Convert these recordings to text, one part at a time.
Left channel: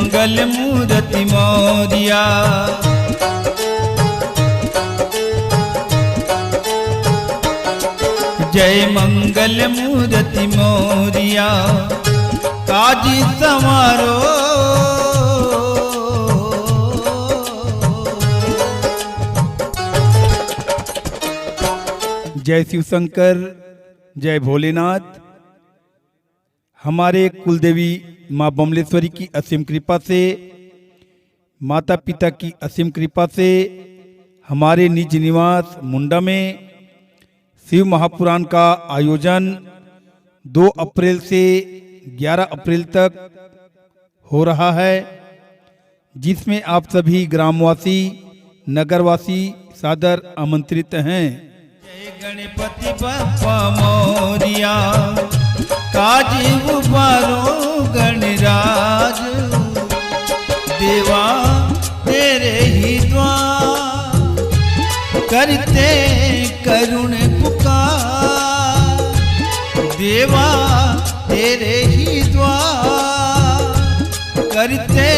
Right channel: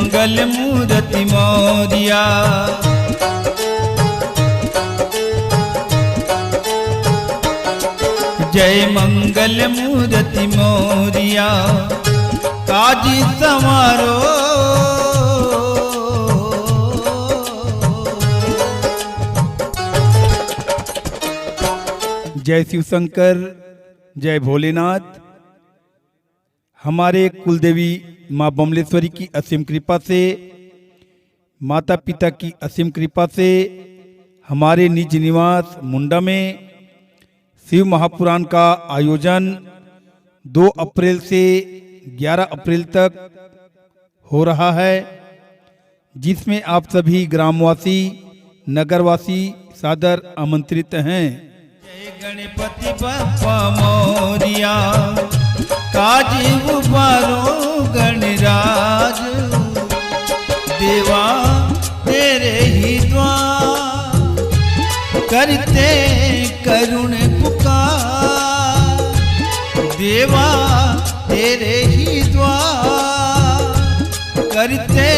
मंगल मूर्ति मोरिया। जय मंगल मूर्ति मोरिया, काजी समारो। जय शिव शंकर, जय भोलेनाथ। हमारे कुलदेवी माँ बमलेश्वरी की असीम कृपा से, माता पिता की असीम कृपा से हमारे निज निवास मुंडा में शिव महापुराण का आयोजन 2 अप्रैल से 11 अप्रैल तक हो रहा है, जिसमें आप सभी ग्रामवासी नगरवासी सादर आमंत्रित हैं। जय गणपति बप्पा मोरिया, काजी उबारो गणराज। देवा तेरे ही द्वार, करते करुण पुकार। देवा तेरे ही द्वार, करते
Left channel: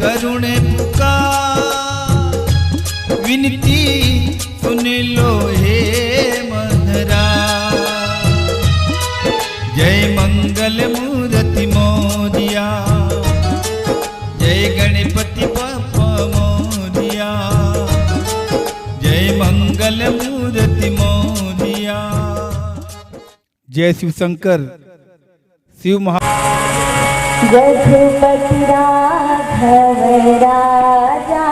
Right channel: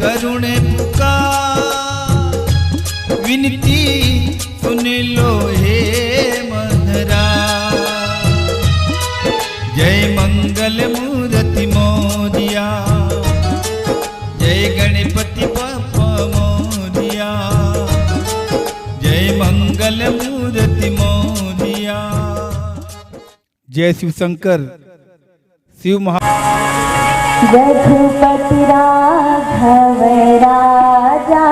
करुण पुकार। विनती सुन लो हे मधरा। जय मंगल मूर्ति मोरिया, जय गणपति बप्पा मोरिया। जय मंगल मूर्ति मोरिया। जय शिव शंकर, शिव महा। रघुपति राघव राजा,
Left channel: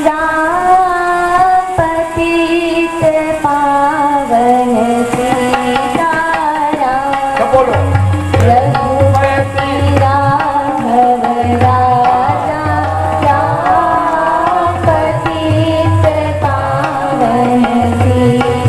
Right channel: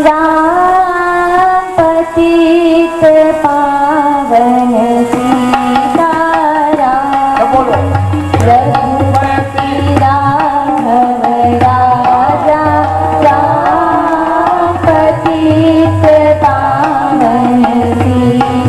राम पतित पावन सीताराम। रघुपति राघव राजा, राम पतित पावन सीताराम।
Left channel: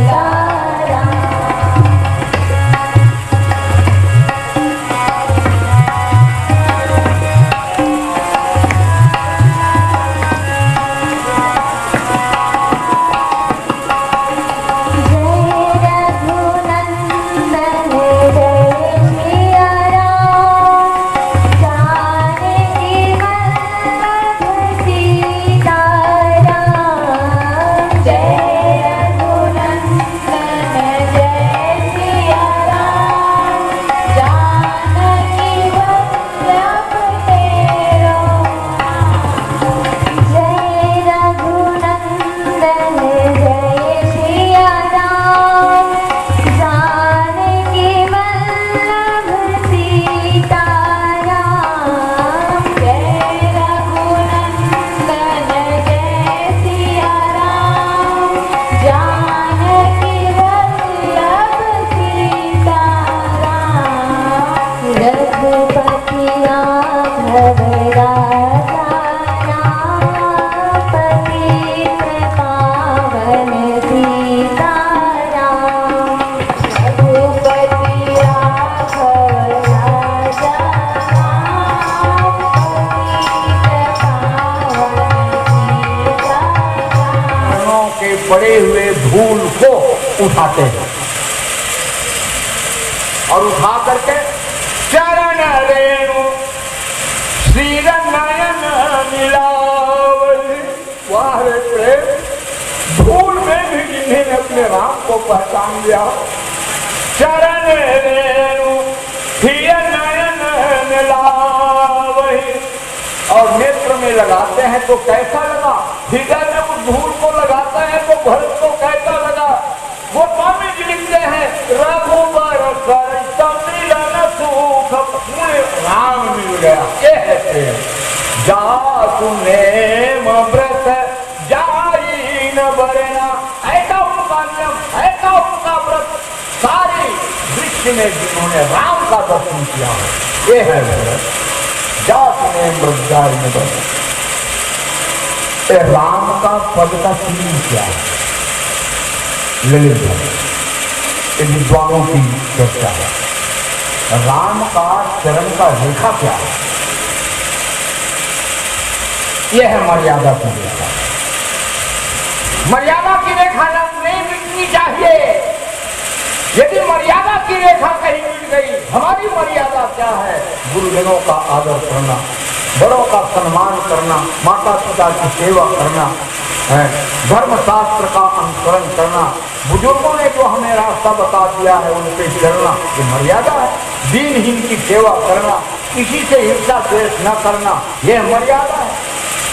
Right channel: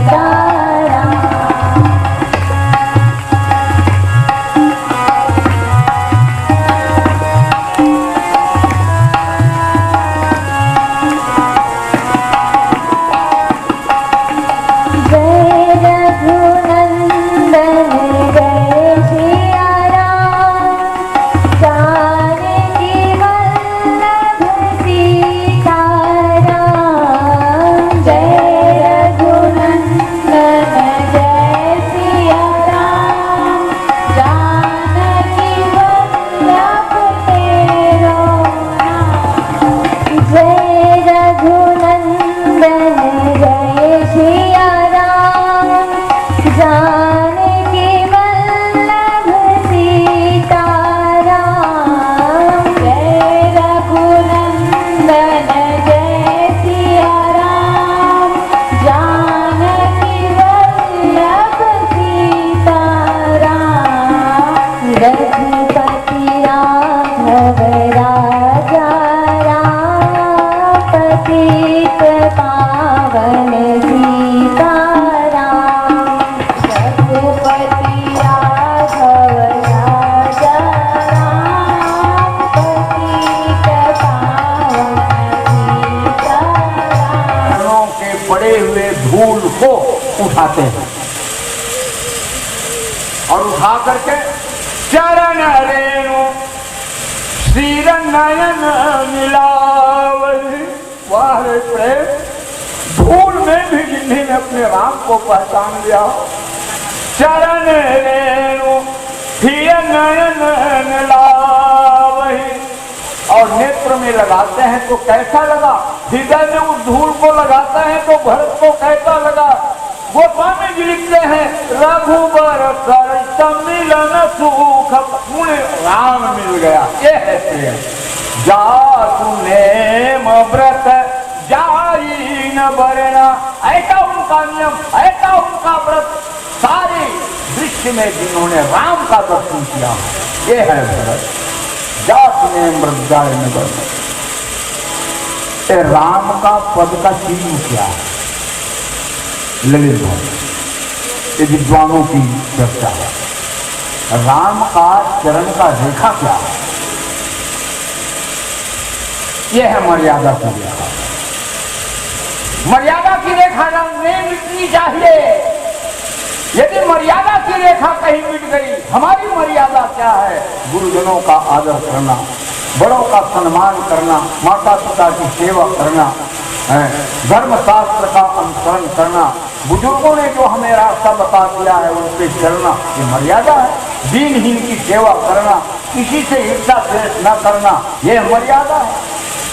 उठाते हैं और उठा करके चरण रेणु श्रीर नयन मिलावली। वाह रे प्रेम, धूल में भी जिन्हें अपने राम को पहचान लिया। चरण रेणु हीर नयन मिलावली। और नेत्र में लगाते हैं तो कैसा लगा, हृदय में उस धूल को लगाते हैं तो भरत को कैसा लगा। गोस्वामी जी लिखते हैं, रघुबर सर मिलन सुख, राम मिल गया। ये है प्रेम। जासु नेम व्रत जाई न बरना, ऐसा उनका नियम, ऐसा उनका व्रत। सारी दृश्य में जिन्होंने राम का दर्शन किया, ये है व्रत। जासु नेम व्रत जाई न बरना। राम का पद का चिन्ह क्या है? ललित ये विद्वानों की चर्चा है। राम का चरण का रेखा क्या है? यह है मर्यादा की रेखा। मर्यादा की रेखा नहीं मिटनी चाहिए। यदि मर्यादा की रेखा कहीं मिट गई, हमारी मर्यादा क्या है? गुरुजनों का आदर करना, बड़ों का सम्मान करना, माता पिता की सेवा करना, धर्म शास्त्र का अनुसरण करना, बुजुर्गों ने जो हमें रास्ता बता दिया है उन पे चलना, ये मर्यादा है। दीनहीन की सेवा करना, किसी से ईर्षा द्वेष न करना, ये मर्यादा है।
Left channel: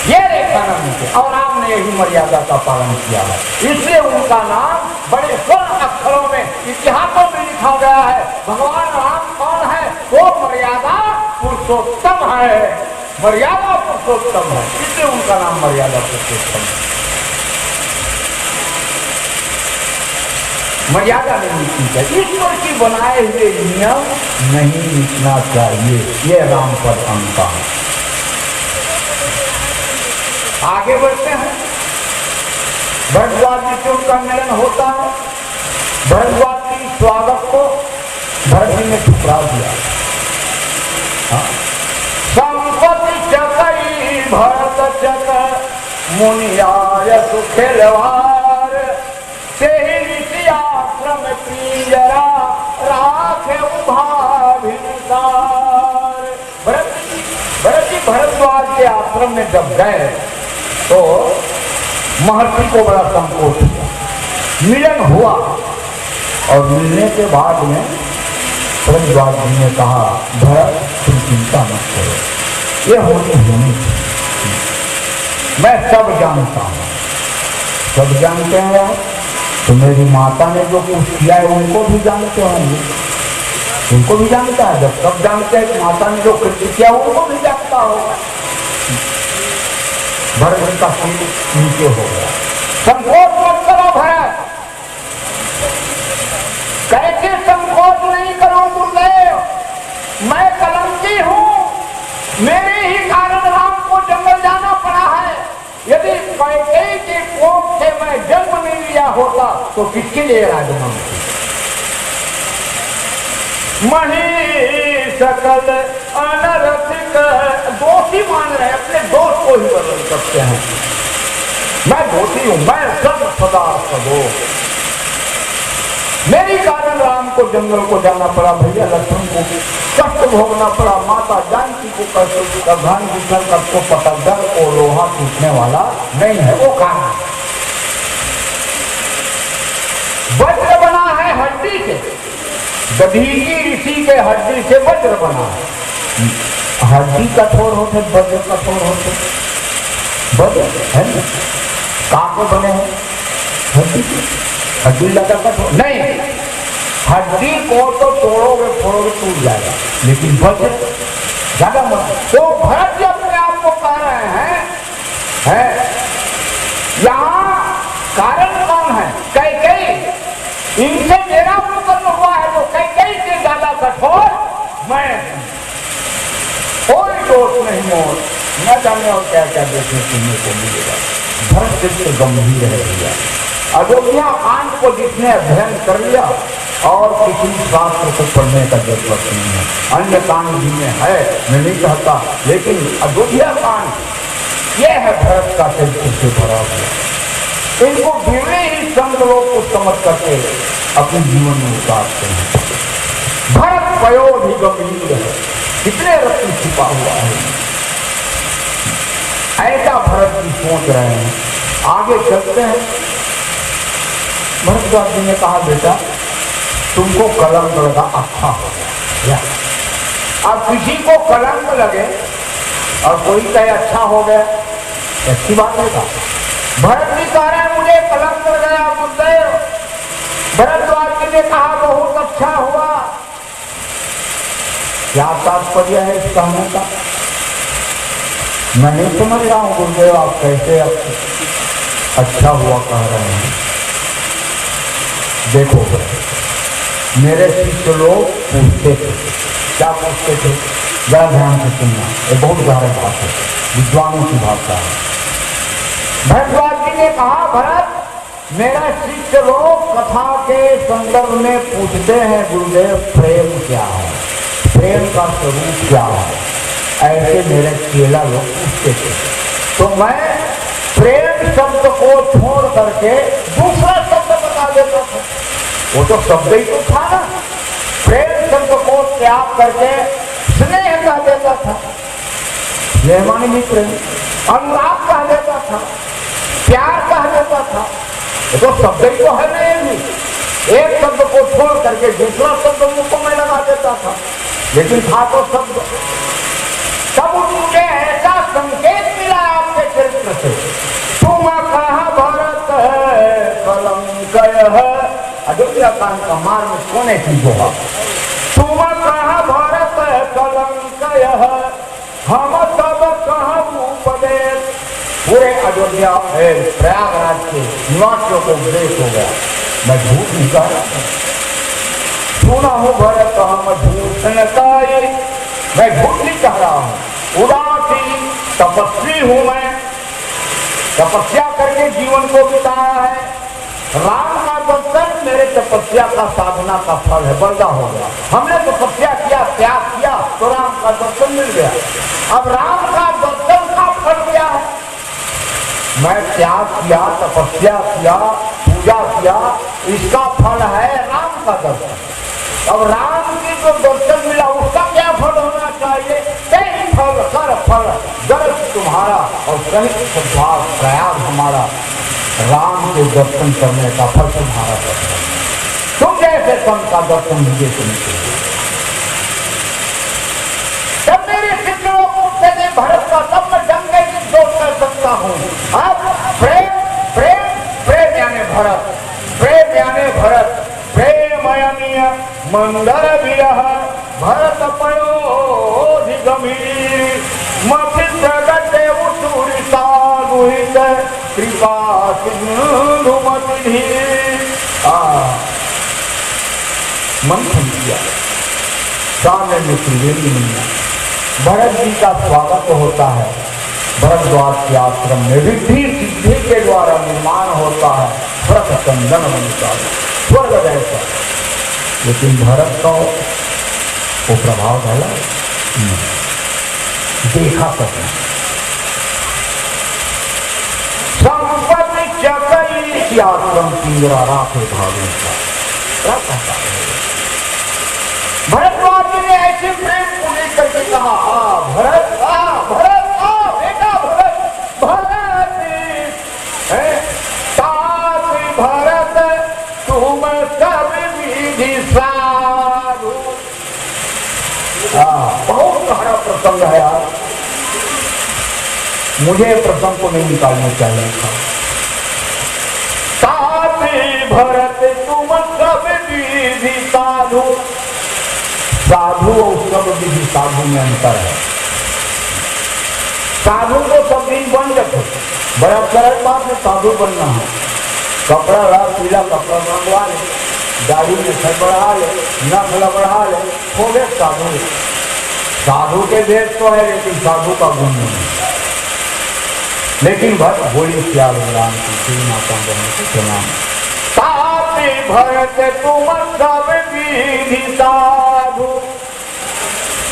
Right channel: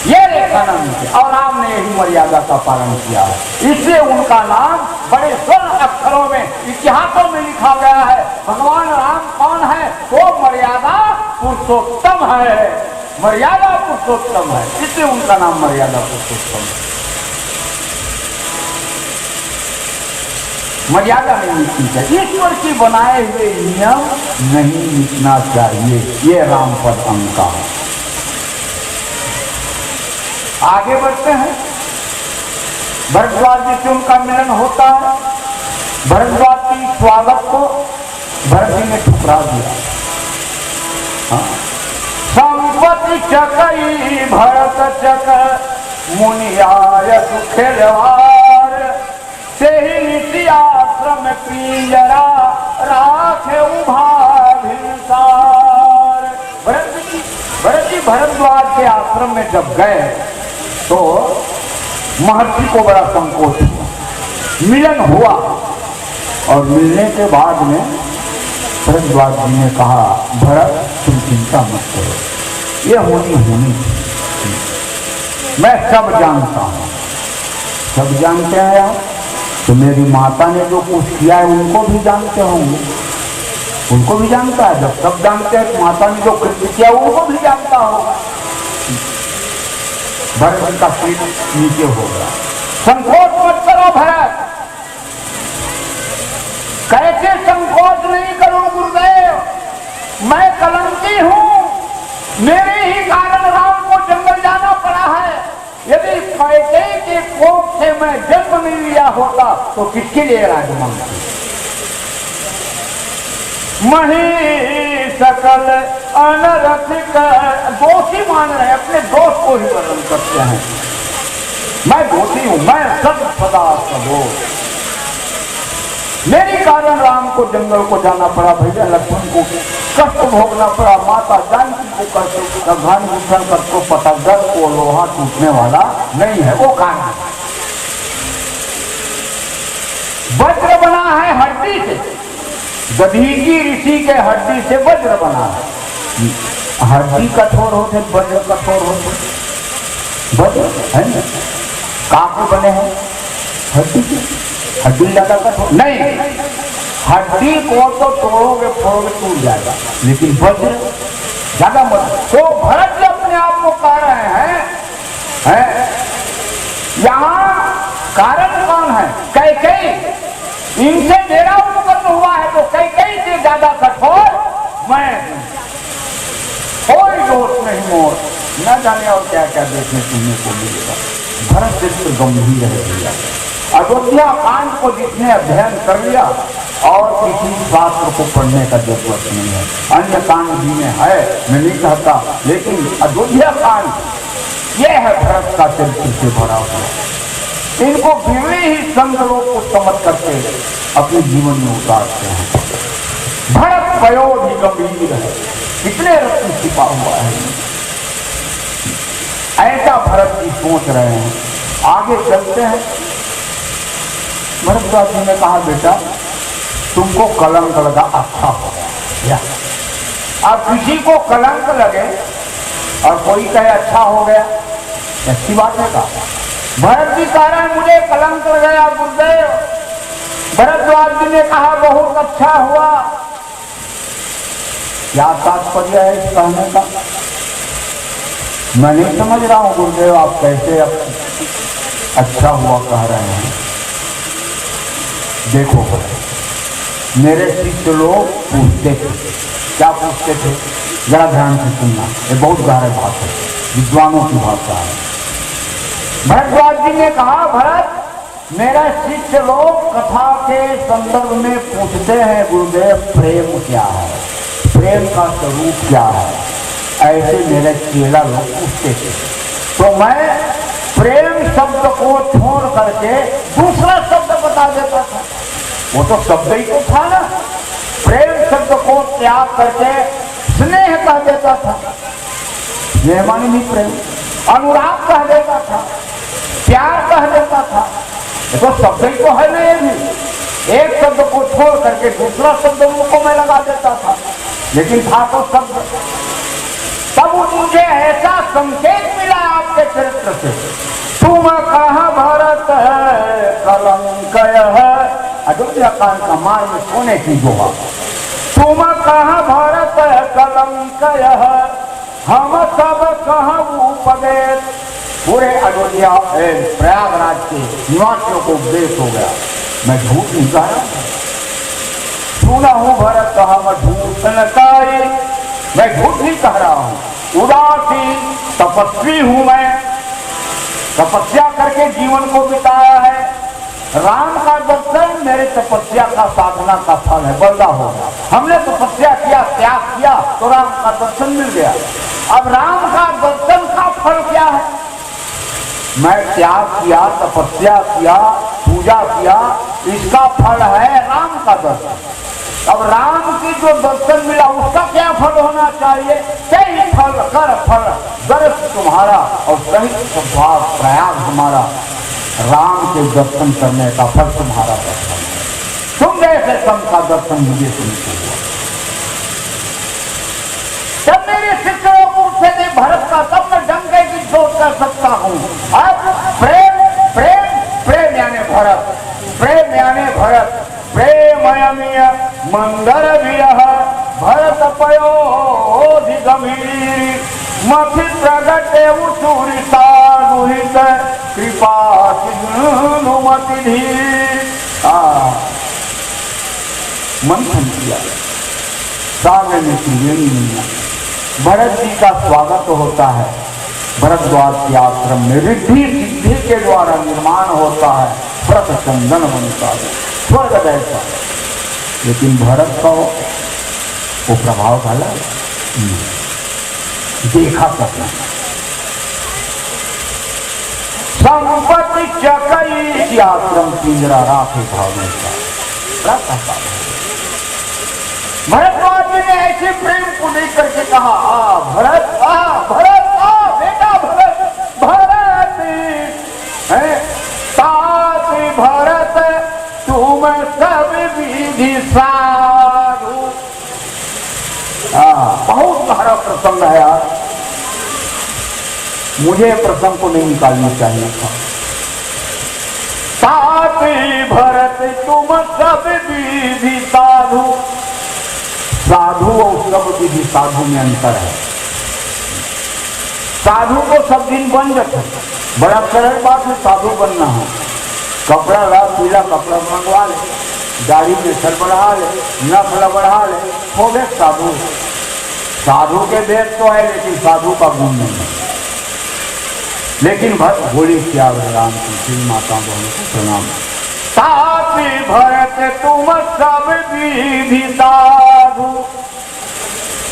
ये रेखा नाम है और राम ने यही मर्यादा का पालन किया है, इसलिए उनका नाम बड़े स्वर्ण अक्षरों में इतिहासों में लिखा गया है। भगवान राम कौन है? वो मर्यादा पुरुषोत्तम है, मर्यादा पुरुषोत्तम है, इसलिए उनका नाम मर्यादा पुरुषोत्तम है। मर्यादा नहीं मिटनी चाहिए, ईश्वर की बनाए हुए नियम नहीं मिटना चाहिए, ये राम पर अंका है। आगे बढ़ते हैं। भरद्वाज जी से उनका मिलन होता है। भरद्वाज की स्वागत को भरत जी ने ठुकरा दिया। संपत्ति चकई भरत चक मुनियाय सुखेलवार से ही नीति आश्रम पिंजरा राखे उभा भिनसार। भरत जी भरद्वाज के आश्रम में जब गए तो महर्षि को बड़ा संकोच हुआ। मिलन हुआ और मिलने के बाद में भरद्वाज जी ने कहा, भरत तुम चिंता मत करो, ये होनी मैं सब जानता हूँ। सब जानते हैं तो मेरी माता ने जो कुछ किया है उनको भी जानते होंगे, उनको भी जानता है। जब सब जानते हैं तो माता ने जो कृत्य किया उनको भी जानता होगा। भरत का सिर नीचे हो गया। संकोच मत करो भरत। कैसे संकोच नहीं करो गुरुदेव, मैं कलंकी हूं, मेरे ही कारण राम को जंगल जाना पड़ा है। यदि कैकेयी के कोख से मैं जन्म नहीं लिया होता तो किसके लिए राजमान मही सकल अनरसिक दोषी मान रहे, अपने दोष को ही वर्णन करते हैं। मैं दोषी हूं, मैं सब सदा सबो, मेरे कारण राम को जंगल को जाना पड़ा, भैया लक्ष्मण को कष्ट भोगना पड़ा, माता जानकी को कष्ट, भगवान विठल का तो पता डर को लोहा टूटने वाला नहीं है, वो कारण वज्र बना है हड्डी से, दधीची ऋषि के हड्डी से वज्र बना है। हड्डी कठोर होते, वज्र कठोर होते, वज्र है ना काको बने हैं हड्डी की, हड्डी ज्यादा कठोर नहीं, हड्डी को तो तोड़ोगे फोड़ोगे टूट जाएगा, लेकिन वज्र ज्यादा मत। तो भरत जी अपने आप को कह रहे हैं यहाँ कारण कौन है? कैकेयी, इनसे मेरा उत्पन्न हुआ है तो कैकेयी से ज्यादा कठोर मैं हूं, कोई दोष नहीं मोर, न जाने और क्या क्या देखने सुनने को मिलेगा। भरत चित्त गंभीर है भैया। अयोध्या कांड को जिसने अध्ययन कर लिया और किसी शास्त्र को पढ़ने का जरूरत नहीं है, अन्य कांड भी में है, मैं नहीं कहता, लेकिन अयोध्या कांड यह है भरत का चरित्र से भरा हुआ। इनको गिरने ही संत लोग को समझ करके अपने जीवन में उतारते हैं। भरत पयोधि गंभीर है, कितने रत्न छिपा हुआ है, ऐसा भरत जी सोच रहे हैं। आगे चलते हैं। भरद्वाज जी ने कहा, बेटा तुमको कलंक लगा, अच्छा हो गया। अब किसी को कलंक लगे और कोई कहे अच्छा हो गया, ऐसी बात नहीं कहा। भरत जी कह रहे हैं मुझे कलंक लग गया गुरुदेव। भरद्वाज जी ने कहा बहुत अच्छा हुआ। क्या तात्पर्य है इस कहने का? मैं नहीं समझ रहा हूं गुरुदेव, आप कैसे अच्छा हुआ कह रहे हैं। देखो मेरे शिष्य लोग पूछते थे, क्या पूछते थे, जरा ध्यान से सुनना, ये बहुत गहरी बात है, विद्वानों की भाषा है। भरद्वाज जी ने कहा, भरत मेरा शिष्य लोग कथा के संदर्भ में पूछते हैं गुरुदेव प्रेम क्या है, प्रेम का स्वरूप क्या है, ऐसे मेरे चेला लोग पूछते थे। तो मैं प्रेम शब्द को छोड़ करके दूसरा शब्द बता देता था। वो तो शब्द ही तो था ना, प्रेम शब्द को त्याग करके स्नेह कह देता था। ये मानी नहीं प्रेम। अनुराग कह देता था, प्यार कह देता था, तो शब्द ही तो है ना। ये भी एक शब्द को छोड़ करके दूसरा शब्द मुंह को मैं लगा देता था, लेकिन था तो शब्द। तब मुझे ऐसा संकेत मिला आपके चरित्र से, तुम कहाँ भरत है कलंक है। अयोध्या कांड का मार में सोने की गुहा। तुम कहाँ भरत है कलंक है, हम सब कहाँ उपदेश। पूरे अयोध्या प्रयागराज के निवासियों को उपदेश हो गया। मैं झूठ नहीं कह रहा, सुना हूँ भरत कहा मैं झूठ न काये। मैं झूठ नहीं कह रहा हूँ, उदासी तपस्वी हूँ मैं, तपस्या करके जीवन को बिताया है। राम का दर्शन मेरे तपस्या का साधना का फल है, बल्ला हो गया। हमने तपस्या किया, त्याग किया, तो राम का दर्शन मिल गया। अब राम का दर्शन का फल क्या है? मैं त्याग किया, तपस्या किया, पूजा किया, इसका फल है राम का दर्शन। अब राम की जो दर्शन मिला उसका क्या फल होना चाहिए? सही फल कर फल दर्श तुम्हारा और सही स्वभाव प्रयाग हमारा। राम के दर्शन करने का फल तुम्हारा दर्शन। तुम जैसे संत का दर्शन मुझे सुनते हो। जब मेरे शिष्यों को से भरत का तब मैं जम के जोड़ कर सकता हूँ। अब प्रेम प्रेम प्रेम यानी भरत, प्रेम यानी भरत, प्रेमयमीय मंगल विरह भरत पयोधि गंभीर मथि प्रगट उचूरिता गुहित कृपा सिंधुमति धीर। मंथन किया सामने में त्रिवेणी। भरत जी का स्वागत होता है भरद्वाज के आश्रम में, रिद्धि सिद्धि के द्वारा निर्माण होता है, व्रत संजन बनता है, स्वर्ग जैसा। लेकिन भरत का वो प्रभाव है देखा सकता। संपत्ति चकई आश्रम पीरा राखे भावे। भरद्वाज जी ने ऐसे प्रेम को लेकर के कहा, भरत भरत बेटा भरत भरत है साथ भरत तुम सब विधि साधु। बहुत गहरा प्रसंग है यार, मुझे प्रसंग को नहीं निकालना चाहिए था। साथ भरत तुम सब विधि साधु। साधु और सब विधि साधु में अंतर है। साधु को सब दिन बन जाते, बड़ा सरल बात है साधु बनना है। कपड़ा रहा पीला कपड़ा मंगवा ले, दाढ़ी के सर बढ़ा ले, नखला बढ़ा ले, हो गए साधु। साधु के भेद तो है लेकिन साधु का गुण नहीं है। लेकिन बोली क्या राम की माता बहन की प्रणाम। साथी भरत तुम सब विधि साधु।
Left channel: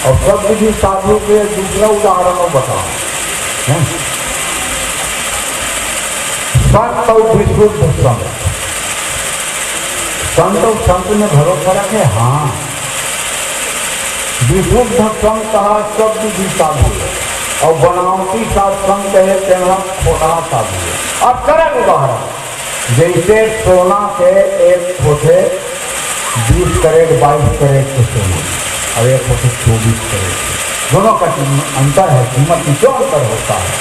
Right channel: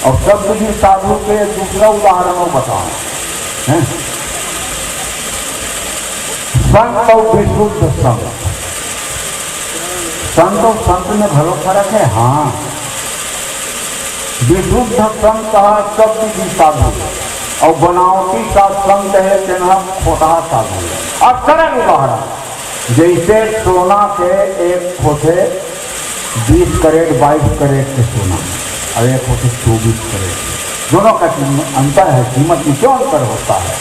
और सब विधि साधु के दूसरा उदाहरण बताओ। संत और विशुद्ध संत। संत और संत में भलो फर्क है। हाँ, विशुद्ध संत कहा सब विधि साधु और बनावटी का संत है तेना छोटा साधु है। अब सरल उदाहरण, जैसे सोना के एक होते 20 कैरेट 22 कैरेट के सोना और एक होते 24 कैरेट, दोनों का अंतर है। कीमत में क्यों अंतर होता है?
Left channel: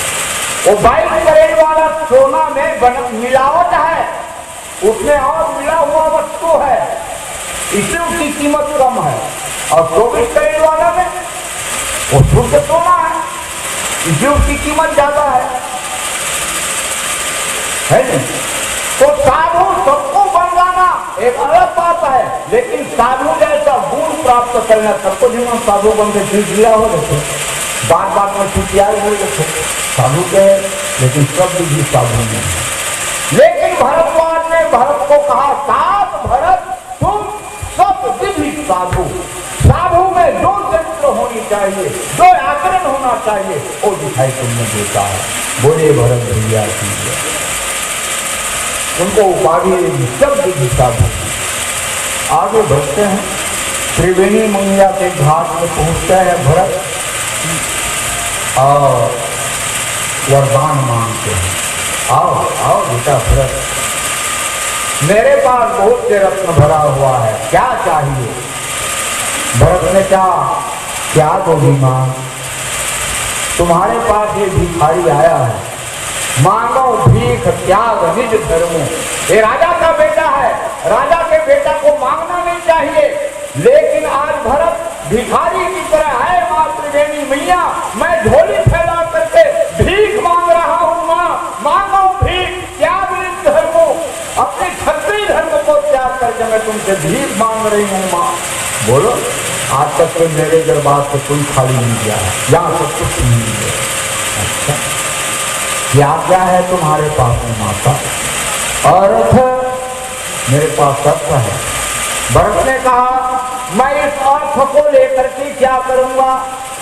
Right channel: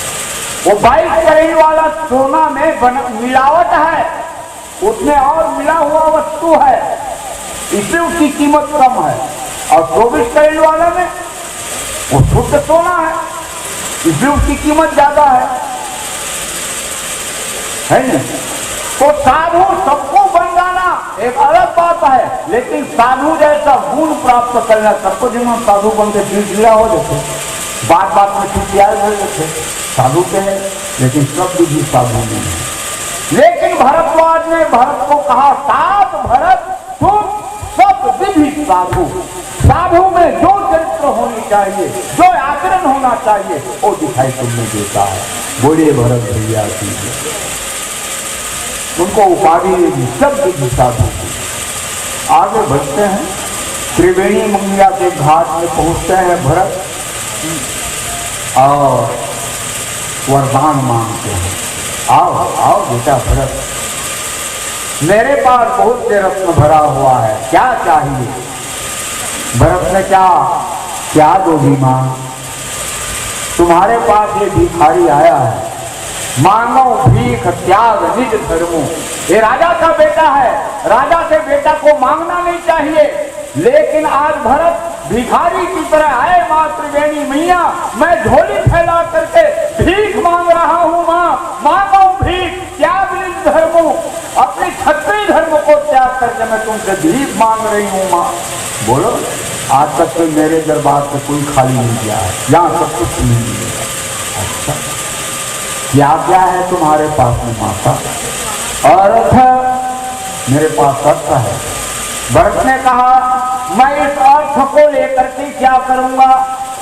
वो 22 कैरेट वाला सोना में मिलावट है, उसमें और मिला हुआ वस्तु है, इसलिए उसकी कीमत कम है। और 24 कैरेट वाला में वो शुद्ध सोना है, इसलिए उसकी कीमत ज्यादा है नहीं? तो साधु सबको बनवाना एक अलग बात है, लेकिन साधु जैसा गुण प्राप्त करना सबको जीवन साधु बनते चिड़चिड़ा हो जाते, बात बात में चिड़चिड़ा हो जाते साधु के, लेकिन सब विधि साधु नहीं है। लेकिन भरद्वाज ने भरत को कहा, साध भरत तुम सब विधि साधु। साधु में जो चरित्र होनी चाहिए, जो आचरण होना चाहिए, वो दिखाई तुमने देता है। बोले भरत भैया की उनको उपाधि देगी सब विधि साधु। आगे बढ़ते हैं, त्रिवेणी मंगला के घाट में पहुंचते हैं भरत। और वरदान मांगते हैं। आओ आओ बेटा भरत, मेरे पास बहुत से रत्न भरा हुआ है, क्या चाहिए? भरत ने कहा, क्या दोगी मां? तुम्हारे पास ये भिखारी आया है, मांगो भीख त्याग निज धर्मो। ये राजा का बेटा है, राजा के बेटा को मांगना नहीं चाहिए, लेकिन आज भरत भिखारी की तरह है। माँ त्रिवेणी मैया, मैं झोली फैला करके भीख मांग रहा हूँ। माँ मांगो भीख त्याग निज धर्मो, अपने क्षत्रिय धर्म को त्याग करके मैं तुमसे भीख मांग रही हूँ। माँ बोलो, आज तक कोई मेरे दरबार से कोई खाली नहीं गया है, यहाँ सब कुछ नहीं है। अच्छा, क्या है तुम्हारे पास में माता? अर्थ मेरे पास अर्थ है। भरत ने कहा, मैं इस अर्थ को लेकर के क्या करूंगा?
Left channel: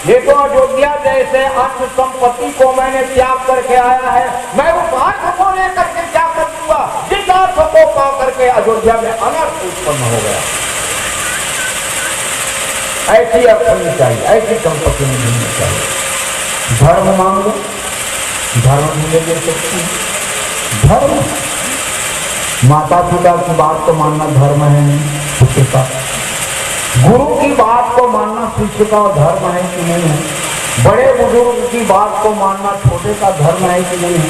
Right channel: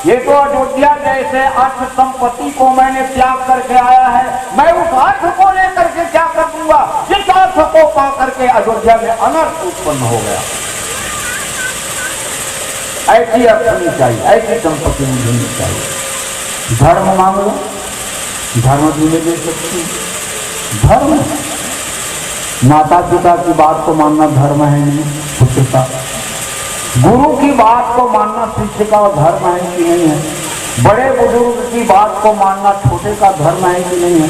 ये तो अयोध्या जैसे अर्थ संपत्ति को मैंने त्याग करके आया है, मैं उस अर्थ को लेकर के क्या कर दूंगा जिस अर्थ को पा करके अयोध्या में अनर्थ उत्पन्न हो गया। ऐसी अर्थ नहीं चाहिए, ऐसी संपत्ति नहीं होनी चाहिए। धर्म मांगो, धर्म भी नहीं दे सकती। धर्म, माता पिता की बात को मानना धर्म है नहीं पुत्र का। गुरु की बात को मानना शिष्य का धर्म है कि नहीं है? बड़े बुजुर्ग की बात को मानना छोटे का धर्म है कि नहीं है?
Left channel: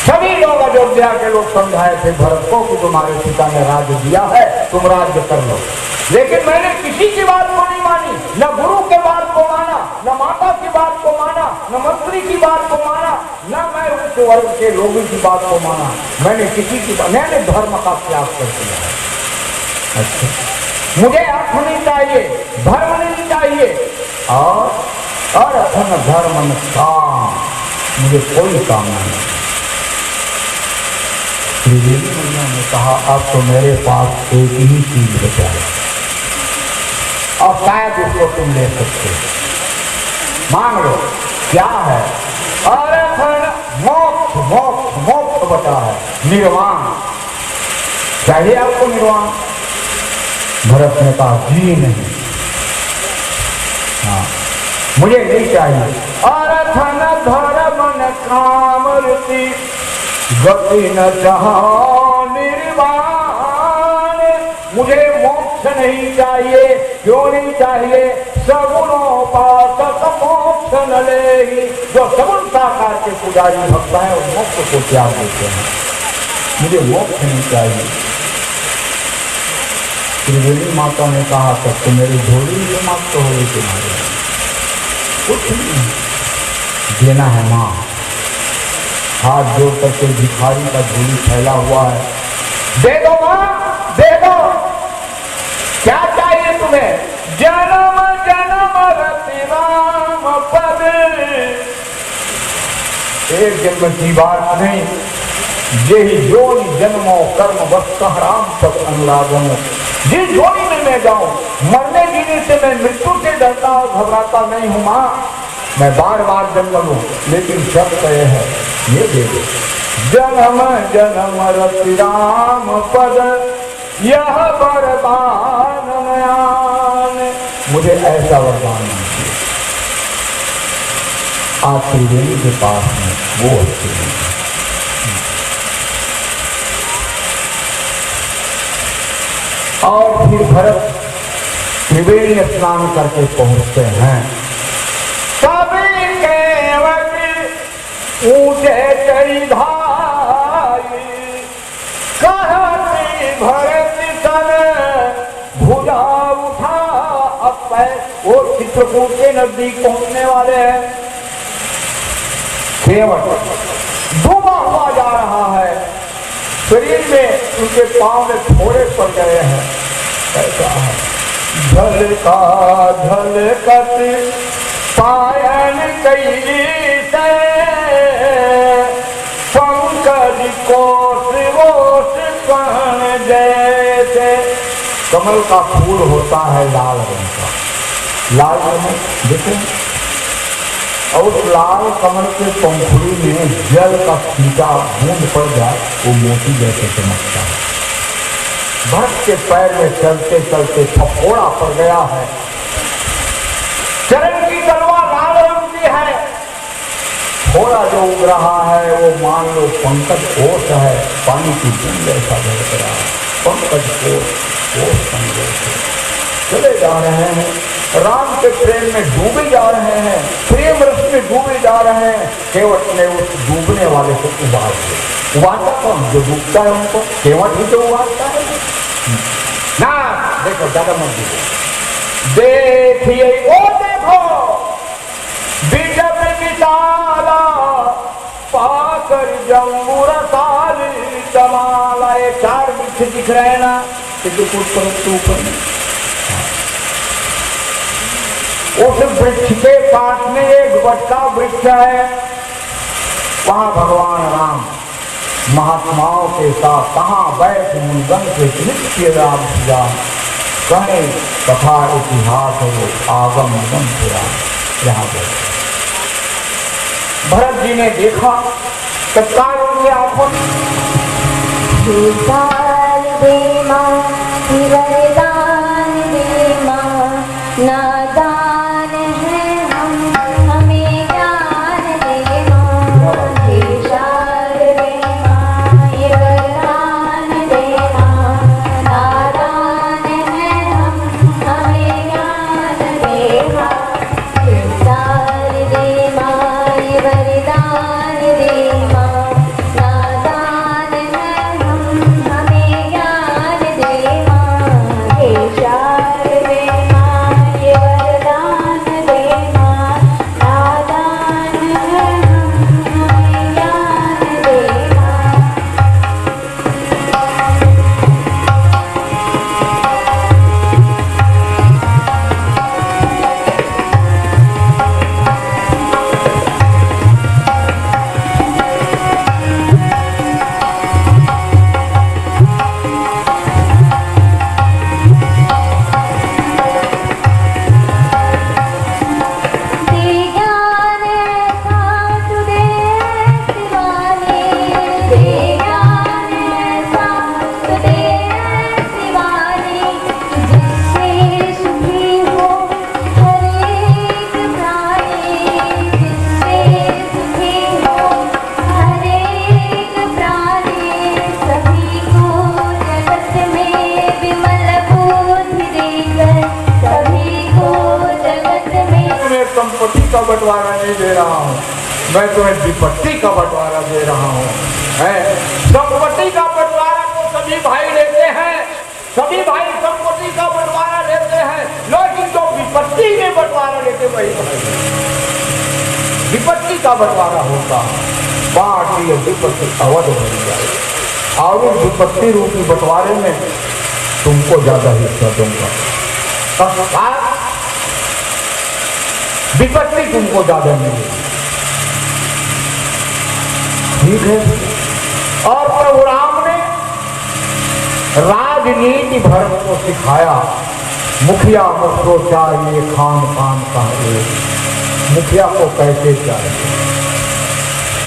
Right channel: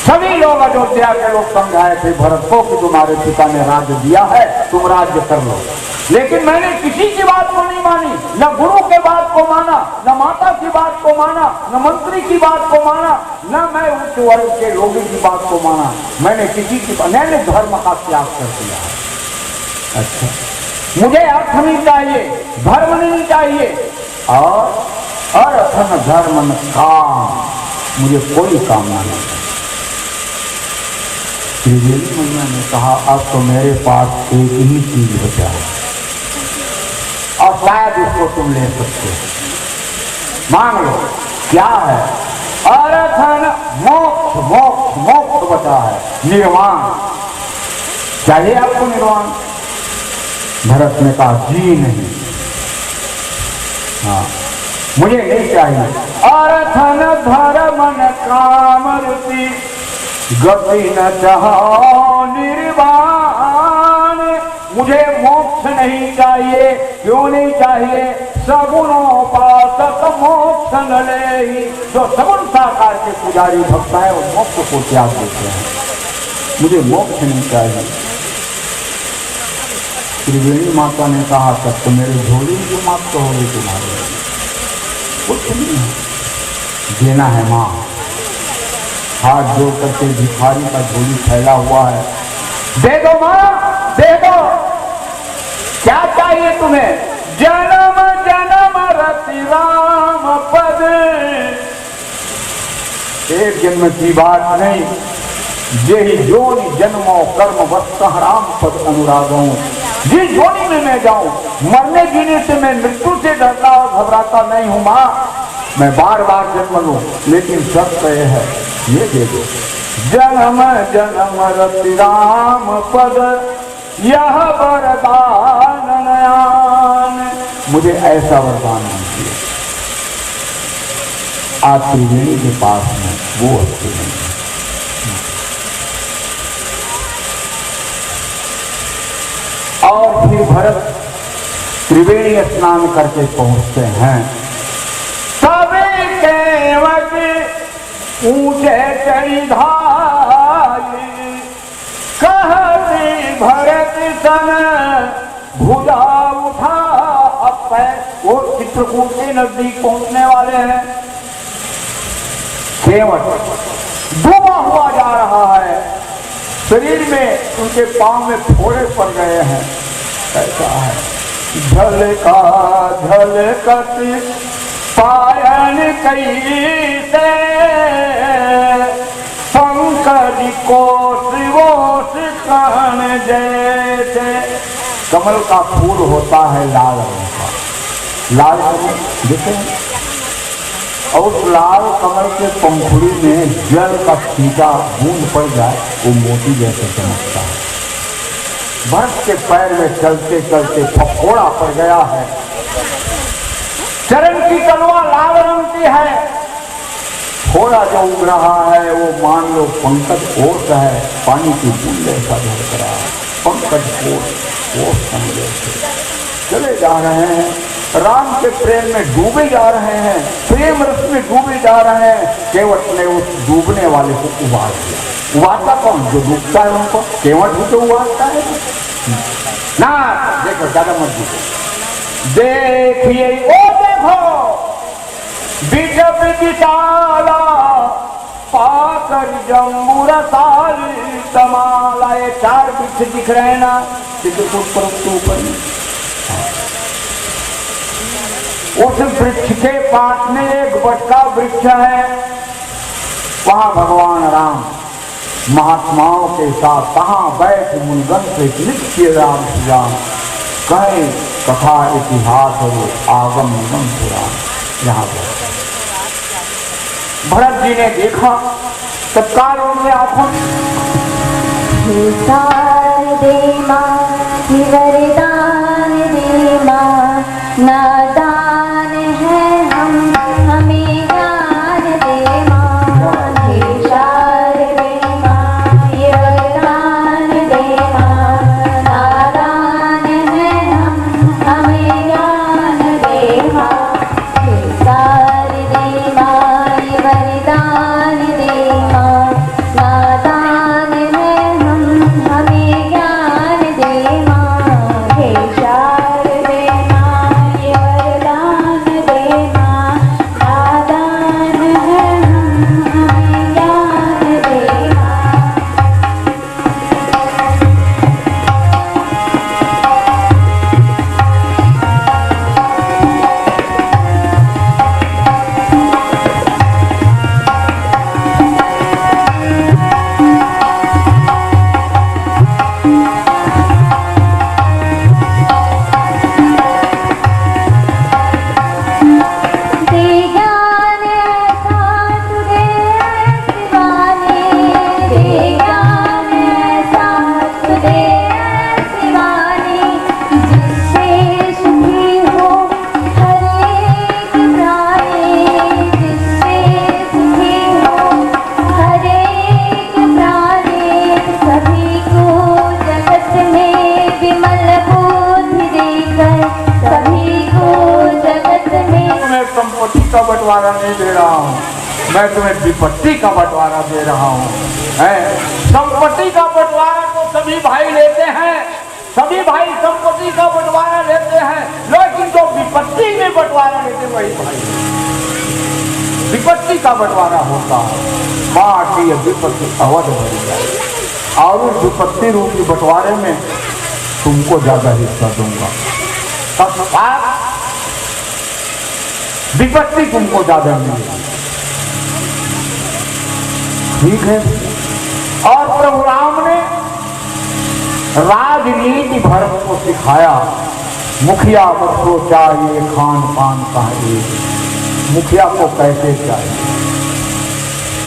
सभी लोग अयोध्या के लोग समझाए थे भरत को कि तुम्हारे पिता ने राज्य दिया है, तुम राज्य कर लो, लेकिन मैंने किसी की बात को नहीं मानी, न गुरु के बात को माना, न माता की बात को माना, न मंत्री की बात को माना, न मैं उस वर्ग के लोगों की बात को माना। मैंने किसी की, मैंने धर्म का त्याग कर दिया है। अच्छा, मुझे अर्थ नहीं चाहिए, धर्म नहीं चाहिए, और अर्थ न धर्म न काम, मुझे कोई कामना नहीं। उन्होंने कहा, अब तो मेरे पास एक ही चीज बचा है और शायद इसको तुम ले सकते हो, मांग लो। क्या है? अर्थ मोक्ष, मोक्ष मोक्ष बचा है, निर्वाण चाहिए आपको। निर्वाण? भरत ने कहा, जी नहीं, हाँ मुझे नहीं चाहिए। अर्थ न धर्म न काम रुचि गति न चाहो निर्वाण, मुझे मोक्ष नहीं चाहिए। क्यों नहीं चाहिए? सगुणोपासक मोक्ष न लेहि, जो सगुण साकार के पुजारी भक्त हैं वो मोक्ष को त्याग देते हैं, मुझे मोक्ष नहीं चाहिए। त्रिवेणी माता ने कहा, तब तो मेरी झोली जो मात हो रही तुम्हारे, कुछ नहीं देना है माँ। हाथ जोड़ करके भिखारी का झोली फैला हुआ है, दे दो माँ, दे दो। क्या चाहिए तुम्हें? जन्म जन्म रति राम पद, एक जन्म की बात नहीं, यही जोनी जन्मों कर्म वस्तु राम पद अनुरागों। जिस जोनी में मैं जाऊं, मरने जीने से मैं मृत्यु से डरता और घबराता नहीं हूं माँ, मैं बार बार जन्म लूं, लेकिन शर्त यह है, ये दे दो। जन्म जन्म रति राम पद, यह वरदान नयान, मुझे ऐसा वरदान दीजिए। आज त्रिवेणी के पास में वो अच्छे नहीं। और फिर भरत त्रिवेणी स्नान करके पहुंचते हैं। सभी केवट ऊंचे चढ़ी धाई, कहती भरत सन भुजा उठा। अब वो चित्रकूट के नजदीक पहुंचने वाले हैं। केवट डूबा हुआ जा रहा है, शरीर में उनके पांव में फोड़े पड़ गए हैं। ऐसा है, झलका झलकत पायन कैसे, पंकज कोश वोश कहन जैसे। कमल का फूल होता है लाल रंग का, लाल कमल देखें, और उस लाल कमल के पंखुड़ी में जल का सीधा बूंद पड़ जाए, वो मोती जैसे चमकता है। भरत के पैर में चलते चलते फफोड़ा पड़ गया है। चरण की तलवार लाल रंग की है, थोड़ा जो उग रहा है वो मान लो पंकज कोश है, पानी की बूंद ऐसा बह रहा है, पंकज कोश समझो चले जा रहे हैं, राम के प्रेम में डूबे जा रहे हैं, प्रेम रस में डूबे जा रहे हैं। केवट ने उस डूबने वाले को उबार दिया। उबारता कौन? जो डूबता है उनको केवट ही तो उबारता है ना। देखो ज्यादा मत दीजिए, देखिए वो देखो बिजब बिचाला पाकर जम्बू रसाली तमाला। ये 4 वृक्ष दिख रहे हैं ना, ऊपर उस वृक्ष के पास में एक बटका वृक्ष है, वहां भगवान राम महात्माओं के साथ कहाँ बैठ मुनगन से नित्य राम श्याम कहे कथा इतिहास और आगम निगम से राम। यहाँ पर भरत जी ने देखा तत्काल उनके आंखों नादान है हम, हमें ज्ञान दे मां। विचार दे मां, ये वरदान दे मां। नादान है हम, हमें ज्ञान दे मां। विचार दे मां, ये वरदान दे मां। नादान है हम, हमें ज्ञान दे मां। विचार दे बंटवारा नहीं दे रहा हूँ, मैं तुम्हें विपत्ति का बंटवारा दे रहा हूँ। संपत्ति का बंटवारा तो सभी भाई लेते हैं, सभी भाई संपत्ति का बंटवारा लेते हैं, लेकिन तो विपत्ति में बंटवारा लेते वही भाई। विपत्ति का बंटवारा होता बाकी विपत्ति अवध हो जाए, और उस विपत्ति रूपी बंटवारे में तुमको ज्यादा हिस्सा दूंगा। विपत्ति तुमको ज्यादा मिलेगी, ठीक है। और प्रभु राम ने राजनीति भरत को सिखाया। मुखिया मुझको चाहिए खान पान का एक, मुखिया को कैसे चाहिए,